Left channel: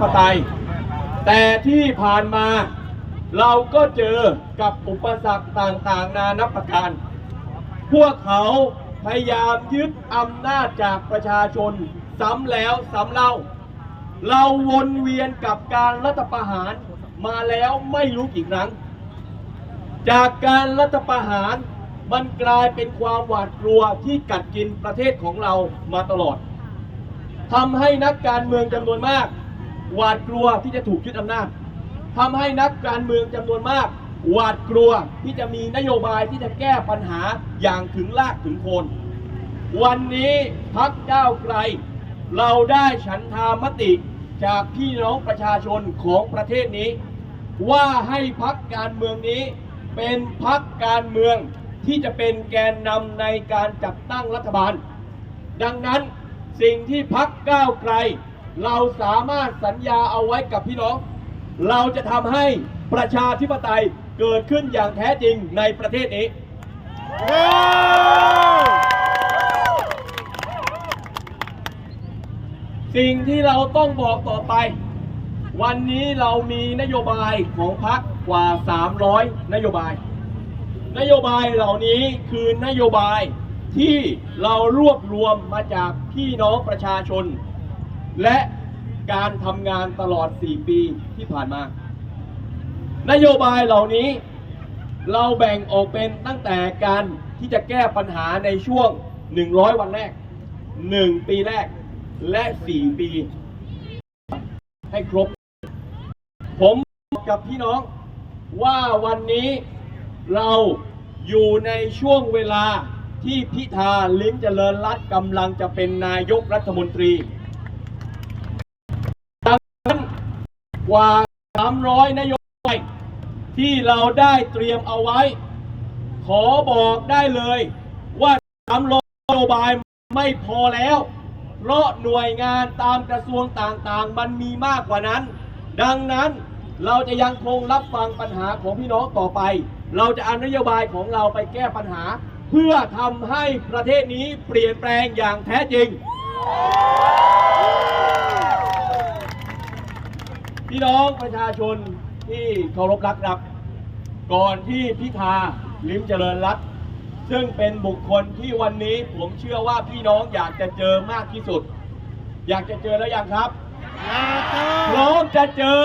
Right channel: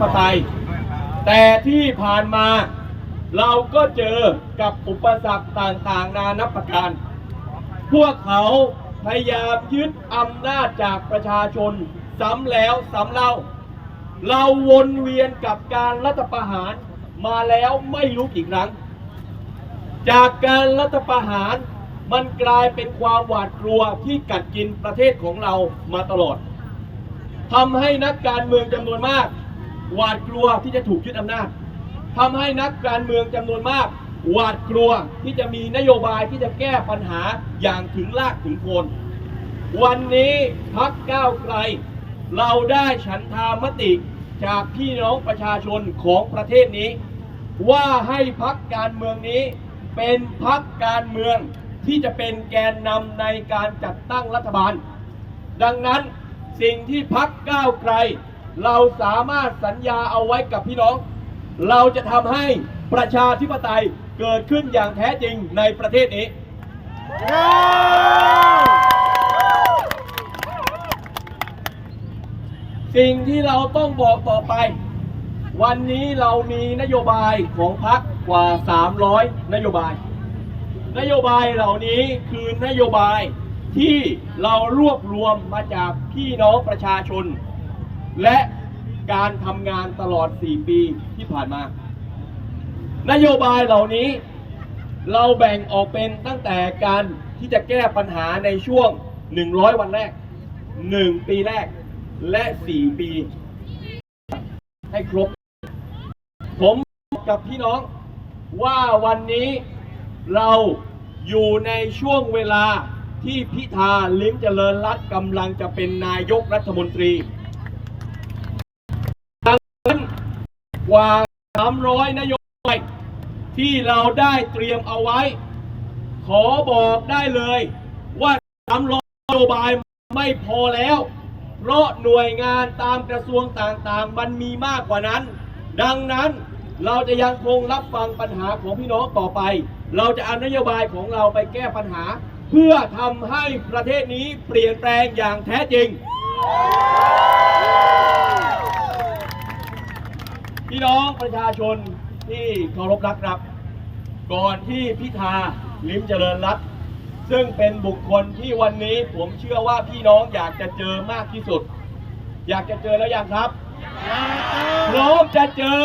ปไตย แต่ที่ผ่านมาเราก็เจอกับอุปสรรคต่างๆ นานับประการ พวกเขาพยายามยึดอำนาจจากประชาชนซ้ำแล้วซ้ำเล่า เราวนเวียนกับการรัฐประหารมาแล้วไม่รู้กี่ครั้ง จากการรัฐประหารมันกลายเป็นความหวาดกลัวที่กัดกินประเทศของเรามาตลอดทำให้นักการเมืองจำนวนมาก หวาดกลัวที่จะถูกยึดอำนาจทำให้นักการเมืองจำนวนมาก หวาดกลัวที่จะมีนโยบายที่จะแก้ปัญหาอย่างถึงรากถึงโคน วันนี้พักก้าวไกล เราได้ฉันทามติจากพี่น้องประชาชนของประเทศนี้ ว่าให้พักการเมืองนี้ เป็นพักการเมืองที่จะเป็นแกนนำในการจัดตั้งรัฐบาล ดังนั้นสิ่งที่พักก้าวไกล เราสามารถสัญญาเอาไว้กับพี่น้อง เราจะทำให้ประชาธิปไตยเกิดขึ้นอย่างแท้จริงในประเทศนี้ สิ่งที่เราต้องบอกต่อไป วันนี้เรามีนโยบายของพรรคกว่า 300 นโยบาย นโยบายเหล่านี้คือนโยบายที่เรารวบรวมมาจากพี่น้องประชาชน และการทำงานตลอด 4 ปีที่ผ่านมา นโยบายเหล่านี้เราแบ่งออกเป็นตั้งแต่การที่จะแก้ปัญหาในช่วง 100 วันแรก 1 ปีแรกและ 4 ปี ให้ครบ ผมบอกกับพี่น้องว่าวันนี้เราอยู่ในช่วงเวลาที่พิธาลิ้มเจริญรัตกำลังจะเป็นนายกรัฐมนตรีดังนั้น กว่า 300 นโยบายที่เราได้เตรียมเอาไว้ ขอบอกได้เลยว่า300นโยบายไม่พอแล้ว เพราะหน่วยงานตามกระทรวงต่างๆ มันมีมากกว่านั้น ดังนั้นเราจะยังคงรับฟังปัญหาของพี่น้องต่อไป เราจะเอานโยบายของเราไปแก้ปัญหา เพื่อทำให้ประเทศนี้เปลี่ยนแปลงอย่างแท้จริง พี่น้องประชาชนที่เคารพรักครับ ก่อนที่พิธาลิ้มเจริญรัตน์ซึ่งเป็นบุคคลที่วันนี้ผมเชื่อว่าพี่น้องอยากจะเจอมากที่สุด อยากจะเจอแล้วยังครับ พร้อมจะเจอ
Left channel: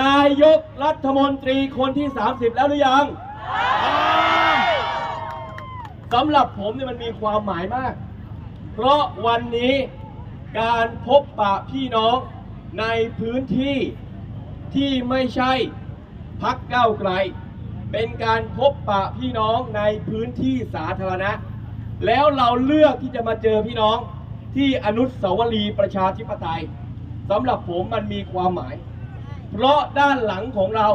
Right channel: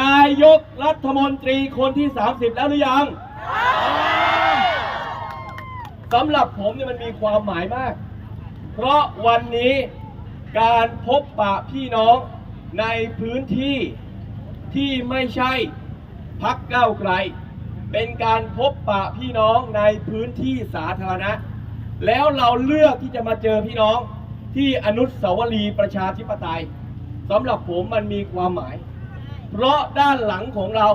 นายกรัฐมนตรีคนที่ 30 แล้วหรือยังสำหรับผมเนี่ยมันมีความหมายมาก เพราะวันนี้การพบปะพี่น้อง ในพื้นที่ที่ไม่ใช่พักเก้าไกล เป็นการพบปะพี่น้องในพื้นที่สาธารณะ แล้วเราเลือกที่จะมาเจอพี่น้องที่อนุสาวรีย์ประชาธิปไตยสำหรับผมมันมีความหมาย เพราะด้านหลังของเรา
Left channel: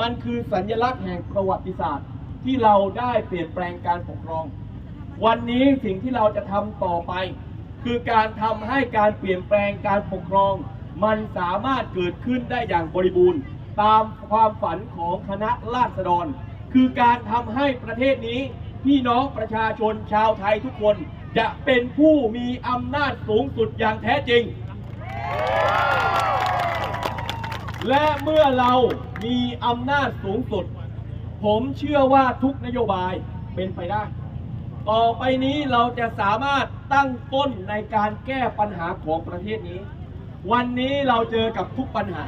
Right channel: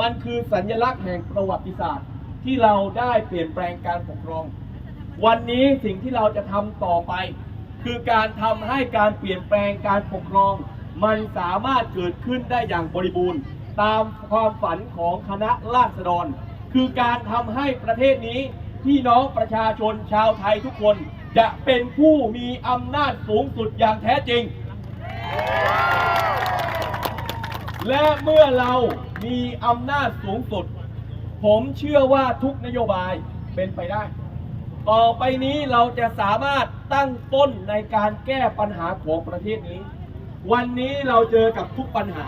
มันคือสัญลักษณ์แห่งประวัติศาสตร์ ที่เราได้เปลี่ยนแปลงการปกครอง วันนี้สิ่งที่เราจะทำต่อไป คือการทำให้การเปลี่ยนแปลงการปกครอง มันสามารถเกิดขึ้นได้อย่างบริบูรณ์ ตามความฝันของคณะราษฎร คือการทำให้ประเทศนี้ พี่น้องประชาชนชาวไทยทุกคน จะเป็นผู้มีอำนาจสูงสุดอย่างแท้จริง และเมื่อเรามีอำนาจสูงสุด ผมเชื่อว่าทุกนโยบายเป็นไปได้ ต่อไปนี้เราจะสามารถตั้งต้นในการแก้ปัญหาของประเทศนี้ วันนี้เราเจอกับทุกปัญหา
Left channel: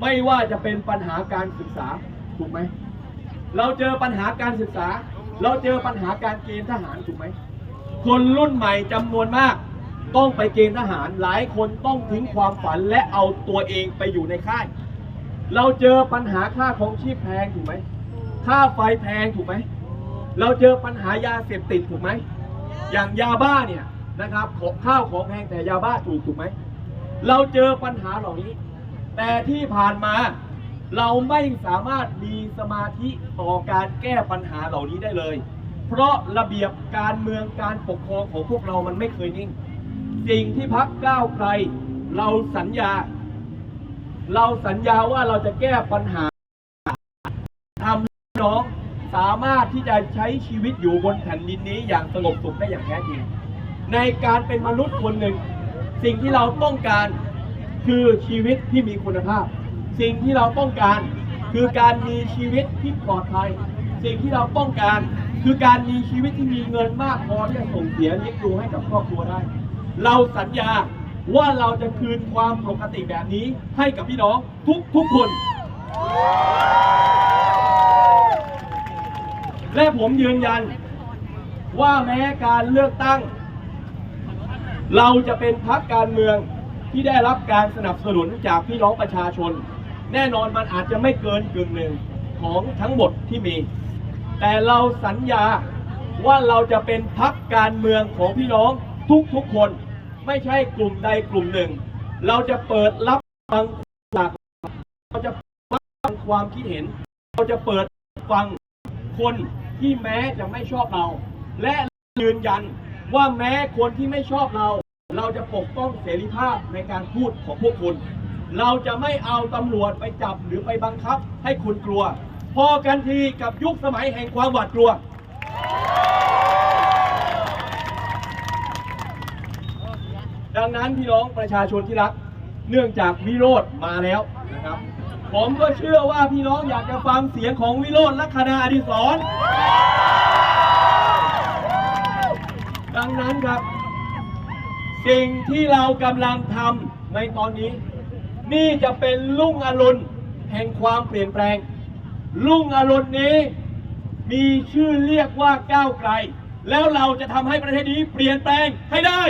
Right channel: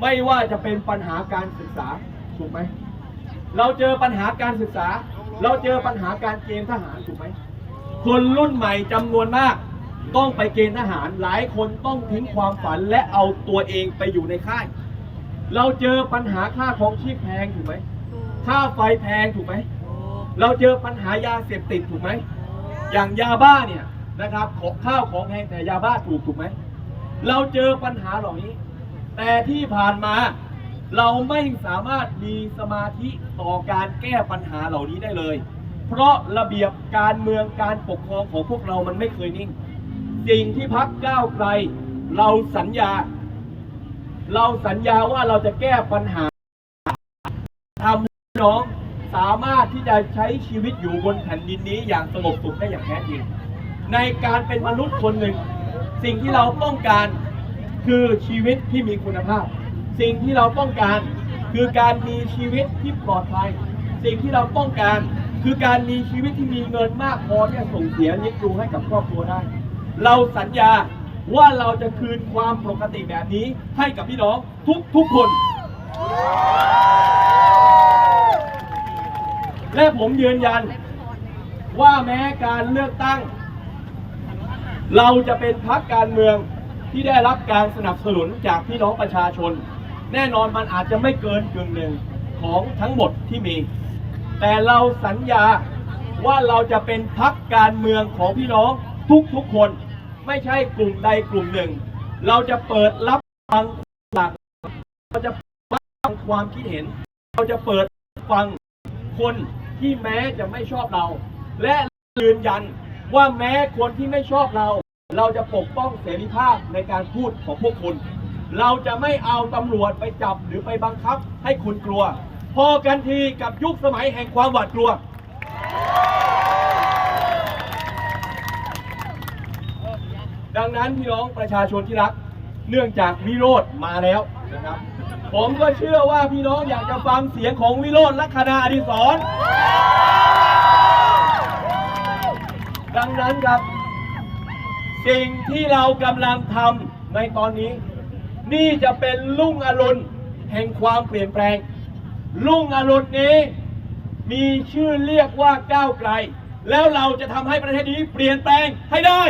ไม่ว่าจะเป็นปัญหาการศึกษาถูกไหมเราเจอปัญหาการศึกษา เราเจอปัญหาการเกณฑ์ทหารถูกไหมคนรุ่นใหม่จำนวนมากต้องไปเกณฑ์ทหารหลายคนต้องทิ้งความฝันและเอาตัวเองไปอยู่ในค่าย เราเจอปัญหาค่าของชีพแพงถูกไหมค่าไฟแพงถูกไหมเราเจอปัญหายาเสพติดถูกไหมอย่างยาบ้าเนี่ยนะครับของข้าวของแพงแต่ยาบ้าถูกถูกไหม เราเจอปัญหาเหล่านี้ แต่ที่ผ่านมาเราไม่สามารถมีสมาธิต่อการแก้ปัญหาเหล่านี้ได้เลย เพราะระเบียบการเมืองการปกครองของพวกเรามันไม่เคยนิ่ง สิ่งที่พักก้าวไกล เราสัญญา เราสัญญาว่าเราจะแก้ปัญหาทำให้น้องสามารถที่จะใช้ชีวิตอยู่บนแผ่นดินนี้อย่างสงบสุขได้อย่างแท้จริง ในการเป็นมนุษย์คนหนึ่ง สิ่งที่เราต้องการคือชีวิตที่มีคุณภาพ สิ่งที่เราต้องการคือการมีชีวิตที่ปลอดภัย สิ่งที่เราต้องการคือการมีชีวิตที่มีเงินมากพอที่จะส่งเสียเลี้ยงดูให้กับครอบครัวได้ เราสัญญาว่าเราจะคืนความปกติแบบนี้ให้กับพี่น้องทุกทุกๆคน และผมยืนยันว่าแม้การเลือกตั้ง เราจะเป็นพรรคการเมืองที่ได้รับการสนับสนุนจากพี่น้องประชาชน แน่นอนมันอาจจะไม่เกินกึ่งหนึ่งของทั้งหมดที่มี แต่เราสัญญาว่าเราจะเป็นพรรคการเมืองของพี่น้องทุกๆคน ไม่ใช่กลุ่มใดกลุ่มหนึ่ง เราจะเปิดรับฟังหลากหลายเราจะฟังความคิดเห็น เราจะเปิดฟังคนที่แม้จะไม่ชอบเรา และยืนยัน ว่าแม้คนที่ไม่ชอบเรา เราจะปกป้องเสรีภาพในการพูดของพวกคุณ เราจะไม่เอาตำรวจไปจับหรือไปบังคับให้คุณกลัว พอกันทีกับยุคสมัยแห่งความหวาดกลัว ดังนั้นพี่น้องประชาชนที่รัก เนื่องจากวิโรธมาแล้วนะครับ ผมก็เชื่อว่าพี่น้องอยากจะฟังเสียงของวิโรธและคณะอดิศร ดังนั้นครับ สิ่งที่เรากำลังทำในตอนนี้ นี่จะเป็นลุ่งอรุณแห่งความเปลี่ยนแปลง ลุ่งอรุณนี้มีชื่อเรียกว่าก้าวไกล แล้วเราจะทำให้ประเทศนี้เปลี่ยนแปลงให้ได้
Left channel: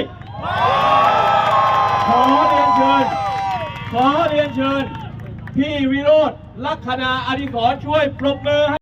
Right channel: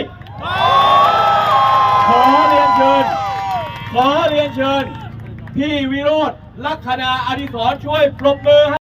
ขอเรียนเชิญ ขอเรียนเชิญ พี่วิโรธลัคนาอดิศรช่วยปรบมือให้